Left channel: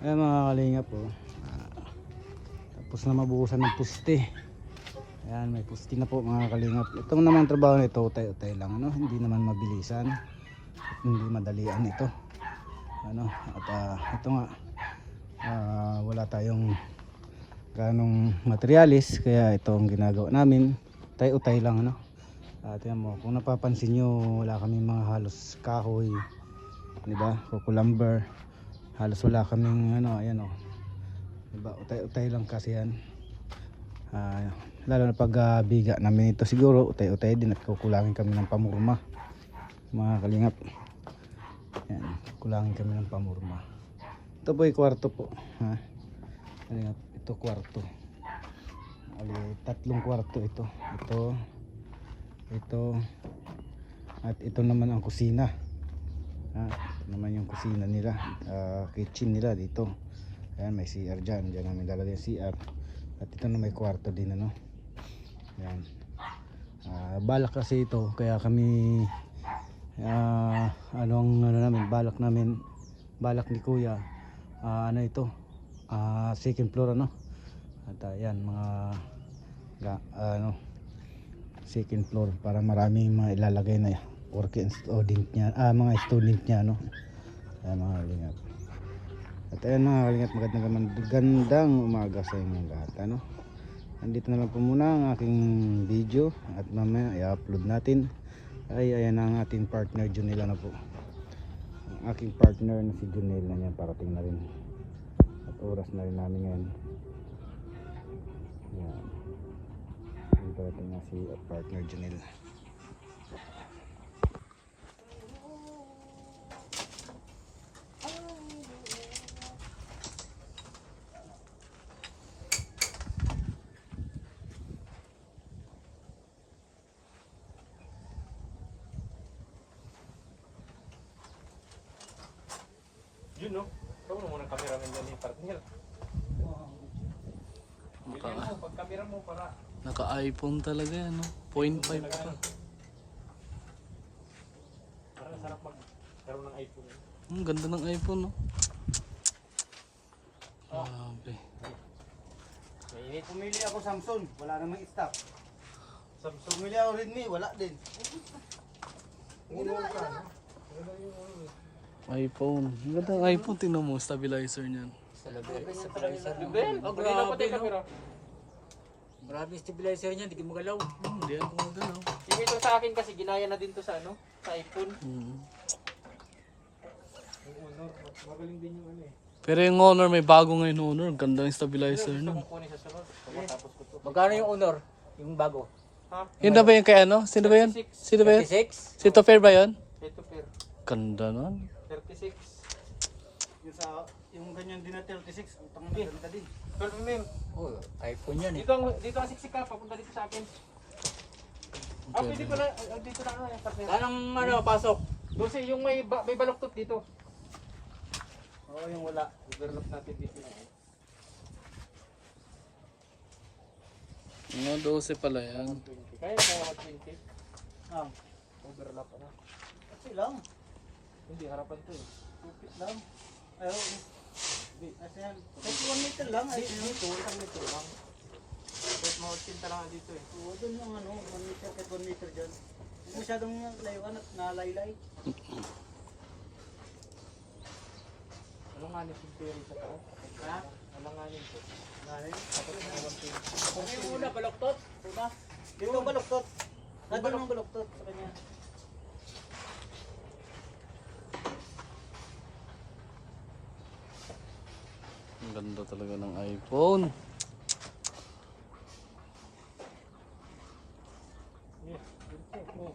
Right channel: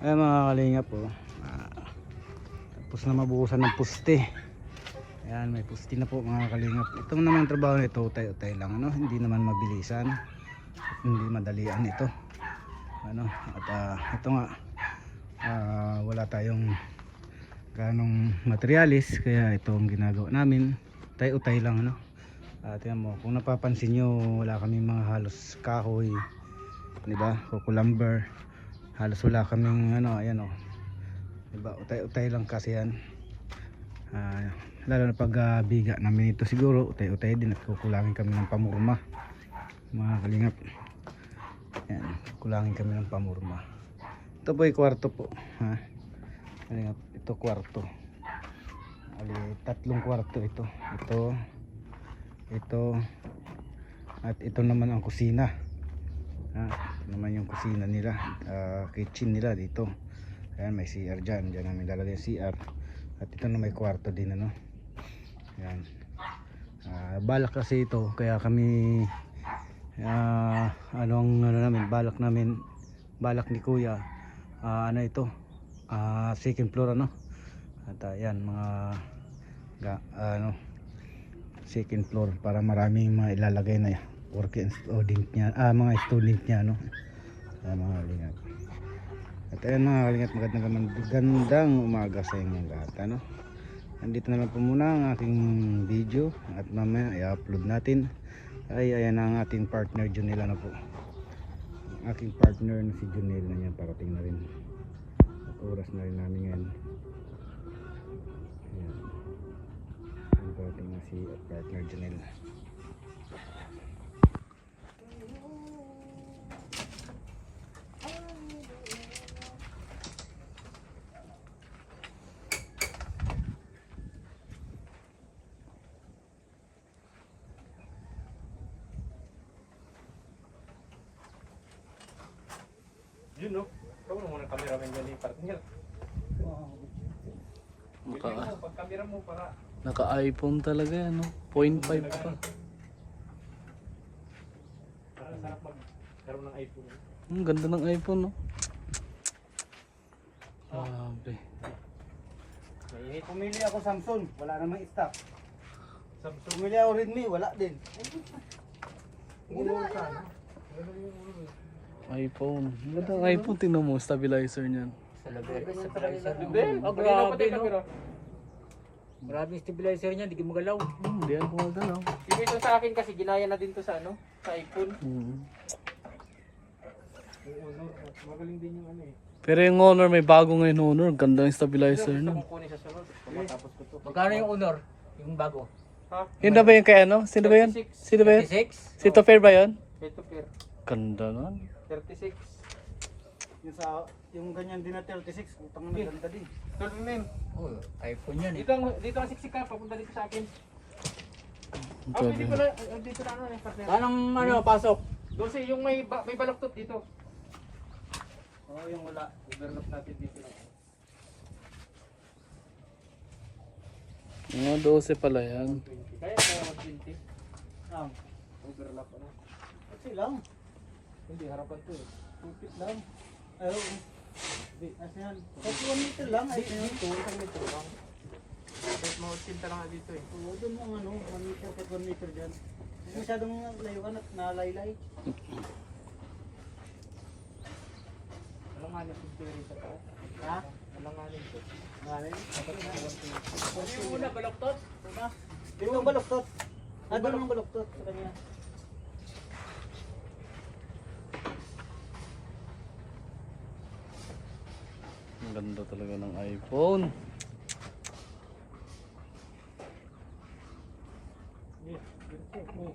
Ayan mga kalingap po. Tapos na mabuhusan ng puste. Ayan, may puste na po mga kalingap. Itong naman trabaho nito, utay-utay lang, ano? Hindi naman mabilisan at hindi madalian ito, ano? At ito nga, wala tayong ganong materialis, kaya ito ang ginagawa namin, utay-utay lang, ano? Tingnan mo, kung napapansin nyo, wala kaming mga halos kahoy, diba? Kukulamber, halos wala kaming ano, ayan o, diba? Utay-utay lang kasi yan. Lalo na pag biga namin ito, siguro utay-utay din at kukulangin kami ng pamurma mga kalingap. Ayan, kukulangin kami ng pamurma. Ito po ay kwarto po, ha? Kalingap, ito kwarto. Ali, tatlong kwarto ito. Ito at ito naman ang kusina. Ito naman yung kusina nila, kitchen nila dito. Ayan, may CR dyan namin lalagay yung CR. At ito na may kwarto din, ano. Ayan. Balak kasi ito, kaya kami balak ni kuya, ano ito, second floor, ano. At ayan, second floor para maraming mailalagay na working student niya, mga student niya, no. Ayan mga kalingap. At ayan mga kalingap, magandang umaga sa inyong lahat, ano. Nandito na lang po muna ang aking video at mamaya i-upload natin. Ayan ang ating partner Junel, ano po. Ang aking partner na si Junel na yan, parating na rin. At oras na rin namin ngayon. Ayan. Parating na si partner Junel. Yun, no? Ikaw mo muna cameraman dyan, partner. Naka, Pag camera mo para... naka-iPhone talaga yan, no? 0.5 pa. Para sarap magkaroon ng iPhone. Ang ganda ng iPhone, no? Grabe. Pumili ako Samsung, wala namang stock. Samsung. Pumili ako Redmi, wala din. iPhone. Ang ganda ng iPhone. Tingnan mo, stabilizer niyan. Ben, oh, grabe, no? Maraming stabilizer niya, di ka magalaw. Hindi ako magalaw. Yung ito sa akin kasi ginaya na din to sa ano, sa iPhone. Yung Honor, magaling din yung ano eh. Pero yung Honor, may bago ngayon Honor. Ganda ng stabilizer Gusto nun. kong kunin sa sunod, matapos ko to. Magkano yung Honor? Yung bago? Ha? Yun na ba yung kay ano? Sino ba yun? 36. Sino ba yun? 36? Si Tofer ba yun? Ito pair. Ganda nun. 36. Yung ganyan din na 36, utang na ganda din. 12 mm. Oh, iPhone yan eh. Dito ang siksika, papunta dito sa akin. Dito na ano eh, partner. Anong ano, pasok? Kasi yung may baluktot dito. Oo, yung wala. Overlock natin dito. Mga 12 pala yan. Kaya mag-20. Overlap ano. Kasi lang, Hindi, harapan to eh. tupit lang. Ay, oo. Asan yan? Kasi 1 meter lang. Ay, Dito, isang metro lang. Tapos mautsinta lang dito eh. oo, doon yung ano, 1 meter kahit 1 meter dyan. Hindi masyadong layuan at nalaylay. Alanganin yung theory sa taas. Ha? Alanganin to. Ngayon? Dapat na 120. Yung una, baloktot? Dito ang baluktot. Doon ang baluktot sa kanya. Ang ganda talaga ng iPhone. Yes, perfect. Oh.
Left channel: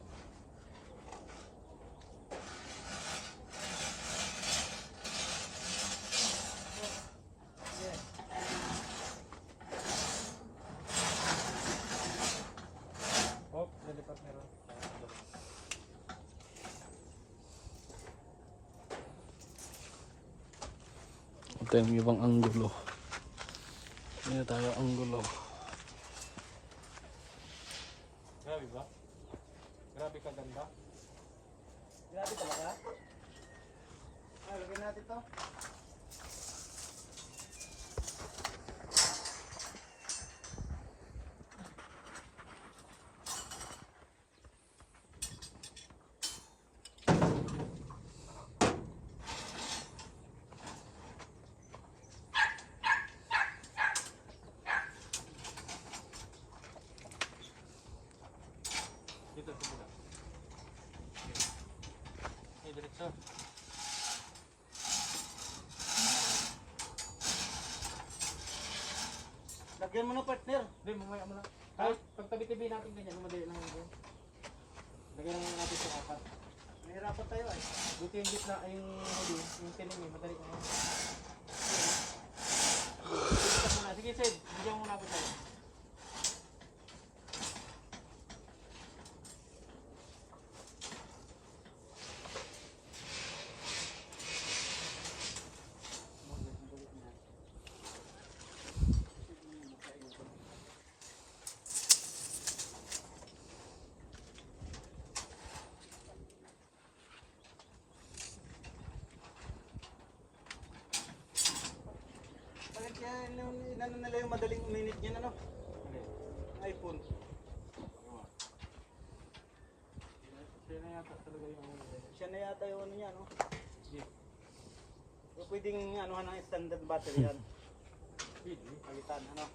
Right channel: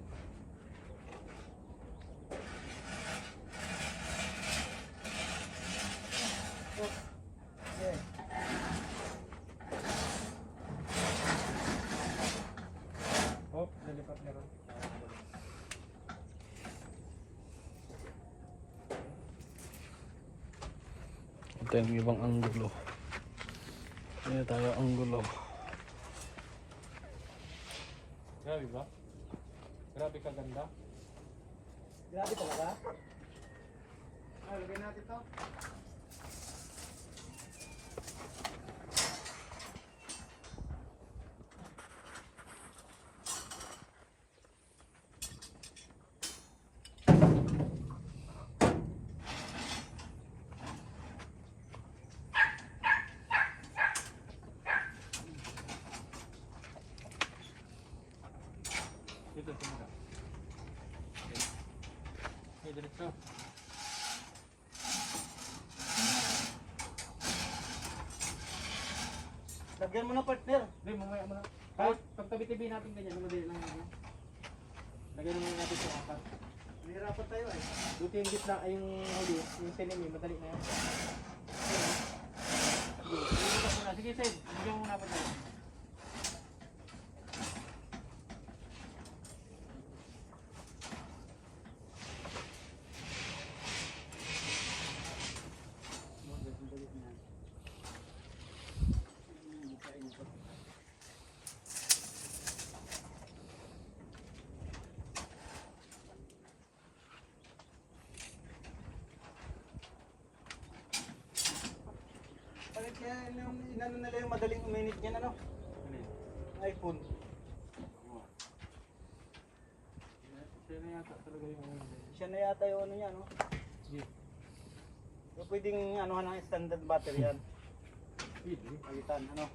Oh, nalipat meron. Ito yung ibang anggulo. Ano tayo anggulo. Grabe ba? Grabe kaganda. Grabe talaga. Lagyan natin to. Lagyan mo na partner. Hindi, mamaya mo na. Kahit pagtabi-tabi natin ganyan, madali lang yan. Lagyan naman natin sa apat. Nahirapan tayo ay. Buti yung gitna ay yung huli, yung tinim eh, madali na yan. Sige, sige muna. Sige, Sid. Bigyan mo muna ako tayo. Kaya yung inano nila yung madaling uminit niyan ano? iPhone. Siya na yata talaga yung ano. Siya na yata yung ano niya no? Sige. Yung pwedeng anuhan ng standard battery yan. Pwede. Palitan ano?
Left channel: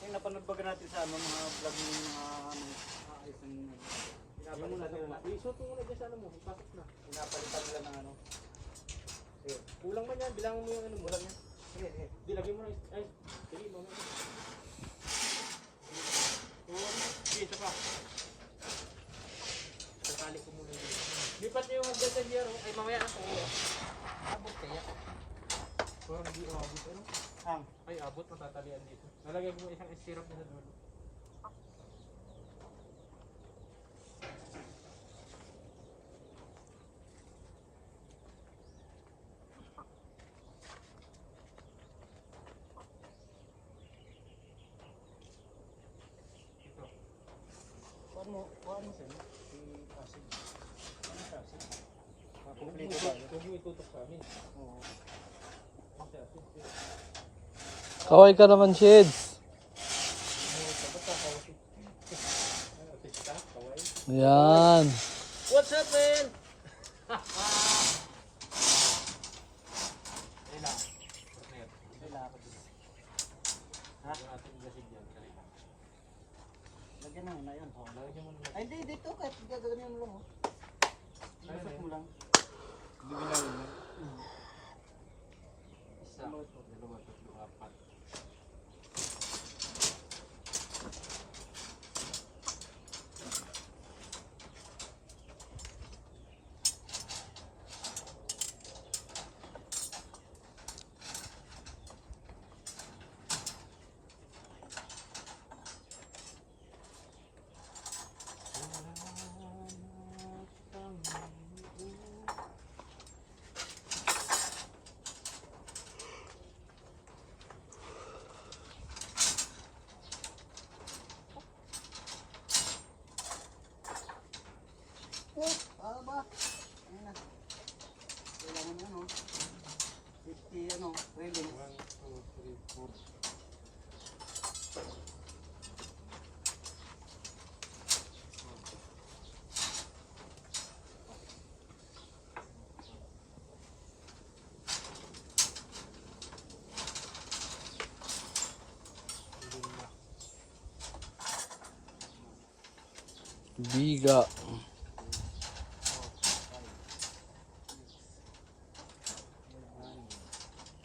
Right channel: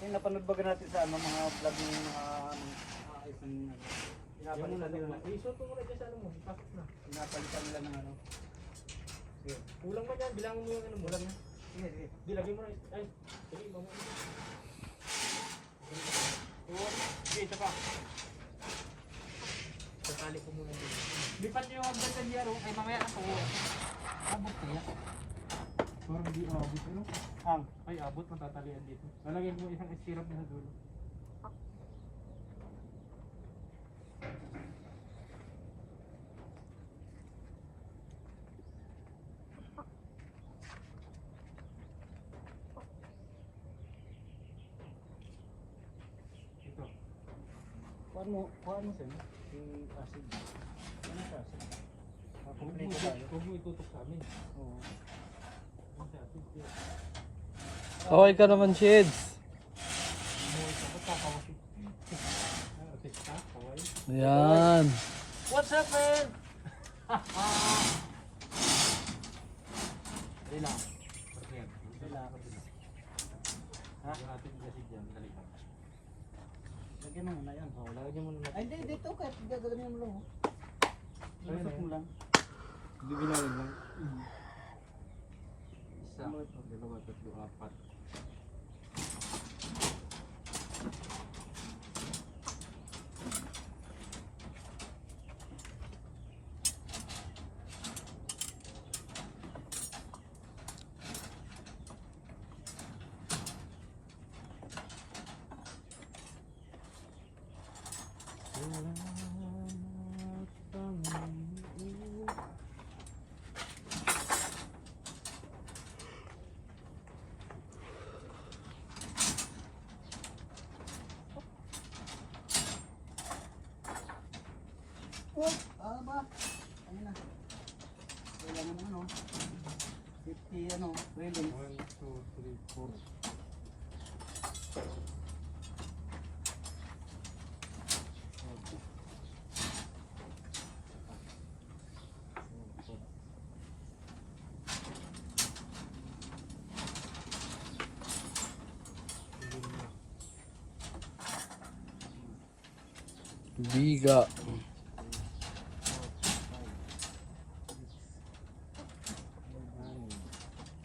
Yung napanood ba natin sa ano mga vlog ng isang Yan mo na doon. Isuot mo muna dyan sa ano mo. Pasok na. pinapalitan nila ng ano? Sige. Kulang man yan. Bilangin mo yung ano mo. Lang yan. Sige, sige. Di, lagyan mo na. Ay, sige, mamaya. Sige, isa pa. Tatali ko muna dito. Lipat niyo yung hagdan sa Jero. Ay, mamaya ako. Abot kayo. Parang di abot. Ano? Ang. Ay, abot. Matatalian dito. Lalagyan mo isang sirap na sa dulo. Ito. Kuhaan mo sa'yo. Si acid. Ano sa acid? Huwag mo itutok sa amin. Oo. Ang sa atin. Kaway ka naman, Sheds. Ba't kakawasi? Artista, kaway. Ayan. What's up, man? Dali lang. Partner. Dali lang ako dito. Ha? Lagyan natin yung gasid dyan. Dali lang. Lagyan mo na yan. Oo, lagyan mo na natin. Ay, hindi, dito kahit gagawin mo lang. Oh. Ayun Ilusot eh. mo lang. Bigilawin lang. Mm. Isa, dalawa, tatlo, apat. What? Ba? Ayun na. Kailangan ng ano? 50 ano, railing. 1, 2, 3, 4. Biga.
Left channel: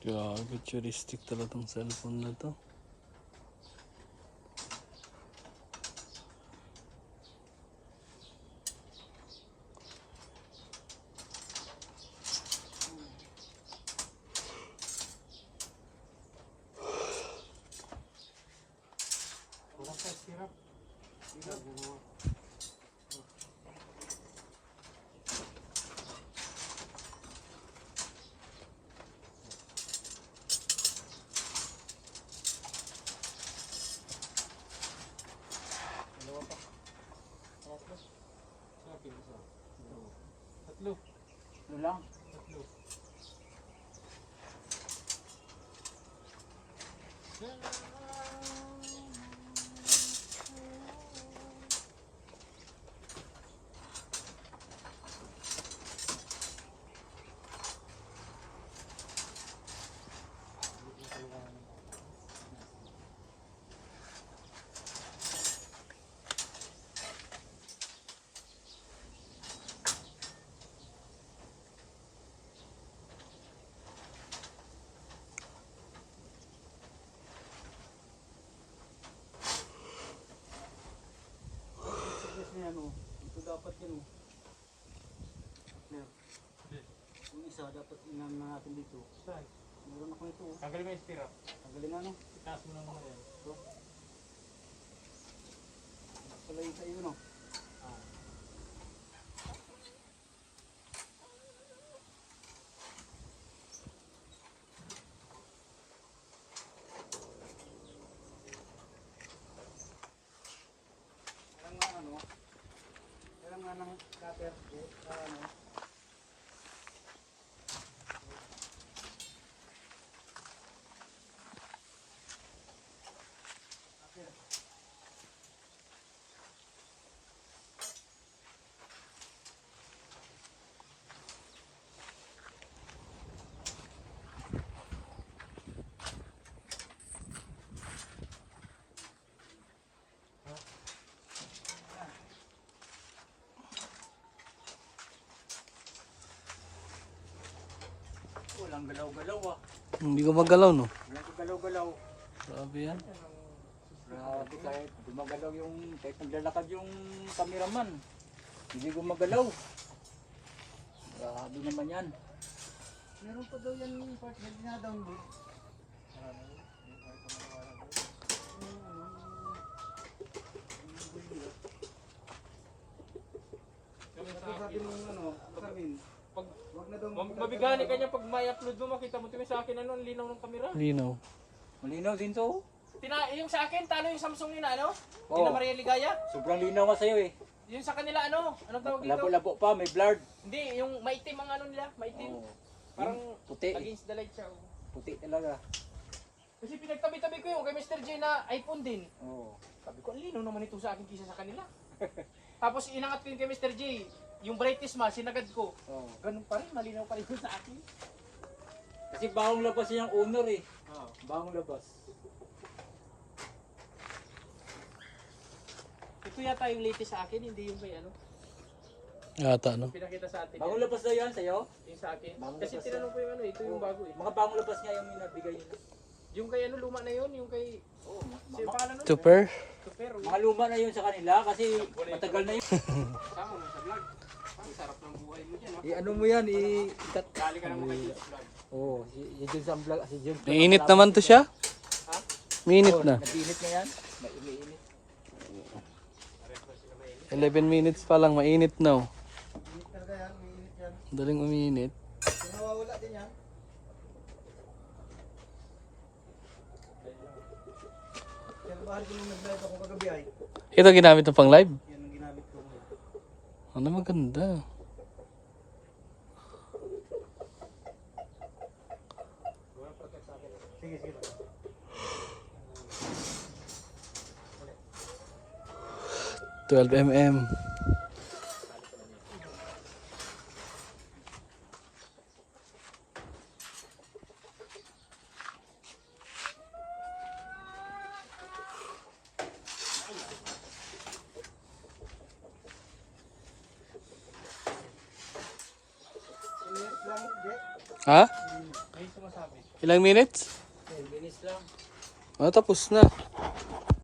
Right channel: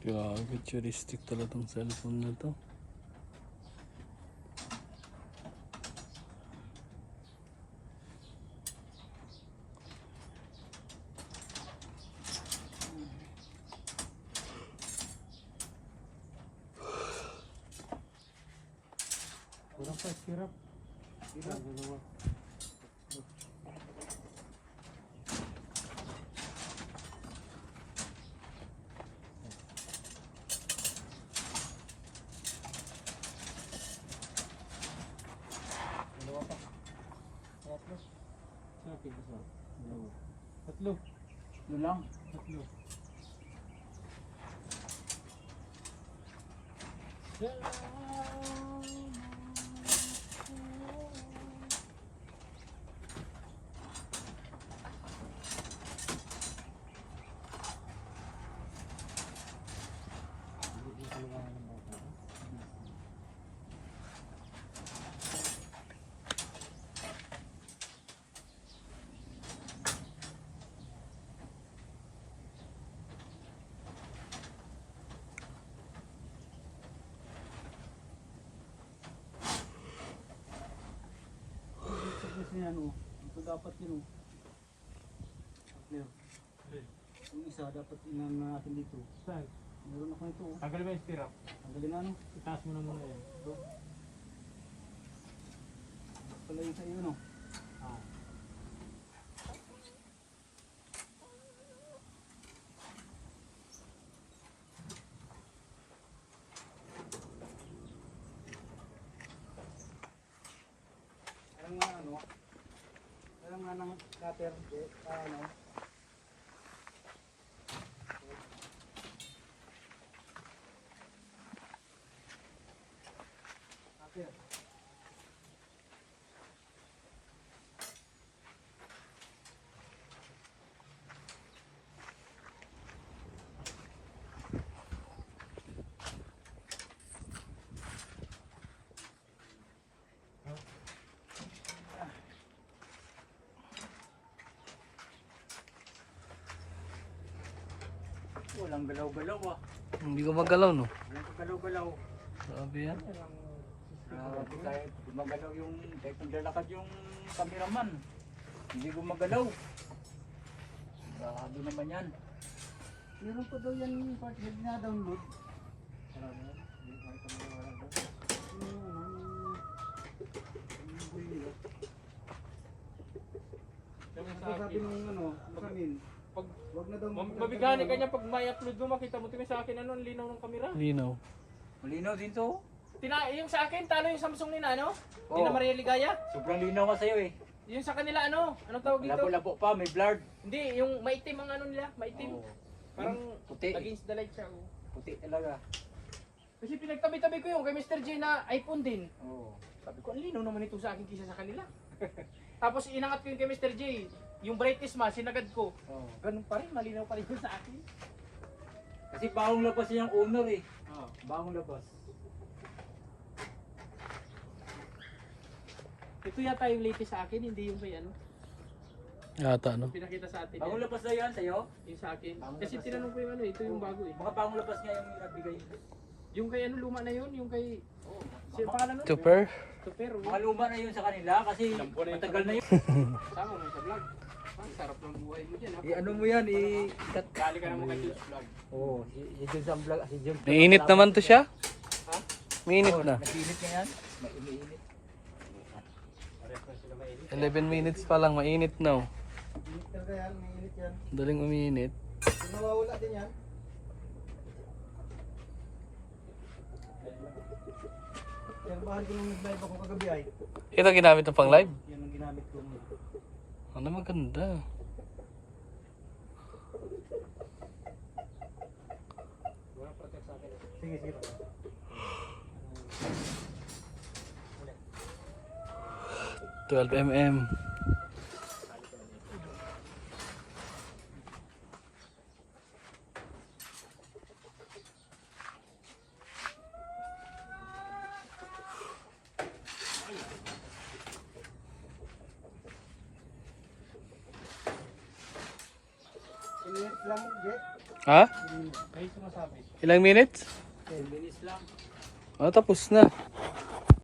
Grabe, futuristic talaga tong cellphone na to. Walang sa sirap. Dalawa. Dalawa pa. Tatlo. Sa akin isa. Dalawa. Tatlo. Ano lang? Tatlo. yan oh. Ito dapat yun oh. Clear. Yung isa dapat inan natin dito. Saan? Meron ako ito oh. Tanggalin mo yung stirrup. Tanggalin na no. Itaas mo na muna yan. Ito. Pala yung sa iyo no. Ah. Meron nga ano. Meron nga ng cutter po. Ano. Cutter. Walang galaw-galaw ah. Hindi ko magalaw, no? Walang galaw-galaw. Grabe yan. Grabe kahit gumagalaw yung, kahit naglalakad yung cameraman. Hindi gumagalaw. Grabe naman yan. Meron pa daw yan yung part na dina-download. Tapos sabi nung ano, kasamin, Pag wag na daw mabigani ka niya pag may upload mo, makita mo tingin sa akin ano, ang linaw ng kamera. Linaw. Malinaw din to. Yung sa akin, talo yung Samsung nila, ano? Oo. Hindi na Maria Ligaya. Sobrang linaw ka sa'yo eh. Yung sa kanila, ano? Anong tawag dito? Labo-labo pa, may blurred. Hindi, yung maitim ang ano nila, maitim. Oo. Parang Puti. against the light siya. Oh. Puti talaga. Kasi pinagtabi-tabi ko yung kay Mr. J na iPhone din. Oo. Sabi ko, ang linaw naman ito sa akin kisa sa kanila. Tapos inangat ko yung kay Mr. J. Yung brightness ma, sinagad ko. Oo. Ganun pa rin, malinaw pa rin yun sa akin. Kasi bagong labas yung owner eh. Oh. Bagong labas. Ito yata yung latest sa akin, hindi yung kay ano. Ata, no? Pinakita sa atin Bagong yan. labas na yan sa'yo? Yung sa akin. Bagong Kasi labas tinanong ko yung ano, ito yung bago eh. Mga bagong labas nga yung nabigay yun. Yung kay ano, luma na yun, yung kay... Oo. Siya yung pangalan nun? Super. Super. Mga luma na yun sa kanila kasi matagal na yun. Sama mo sa vlog. Ang sarap ng buhay mo dyan, ha? Ano mo yan, Gali ka naman kay Jules vlog. Oo, si Jun sa vlog, si Jun. Mainit naman to siya. Ha? Mainit na. Nag-init na yan. Nag-init. 11 minutes pa lang, mainit na. Oh. Init talaga yan, may init yan. Daling umiinit. Kung nawawala din yan. Kaya bahal ko nung nag-live ako kagabi ay. Ito ginamit mo pang live. Yan ang ginamit ko ngayon. Ano maganda. Sige, sige. 12 mm. Init lang, Jet. Ha? May sumasabi. Ilang minutes? 10 minutes lang. Oh, tapos na.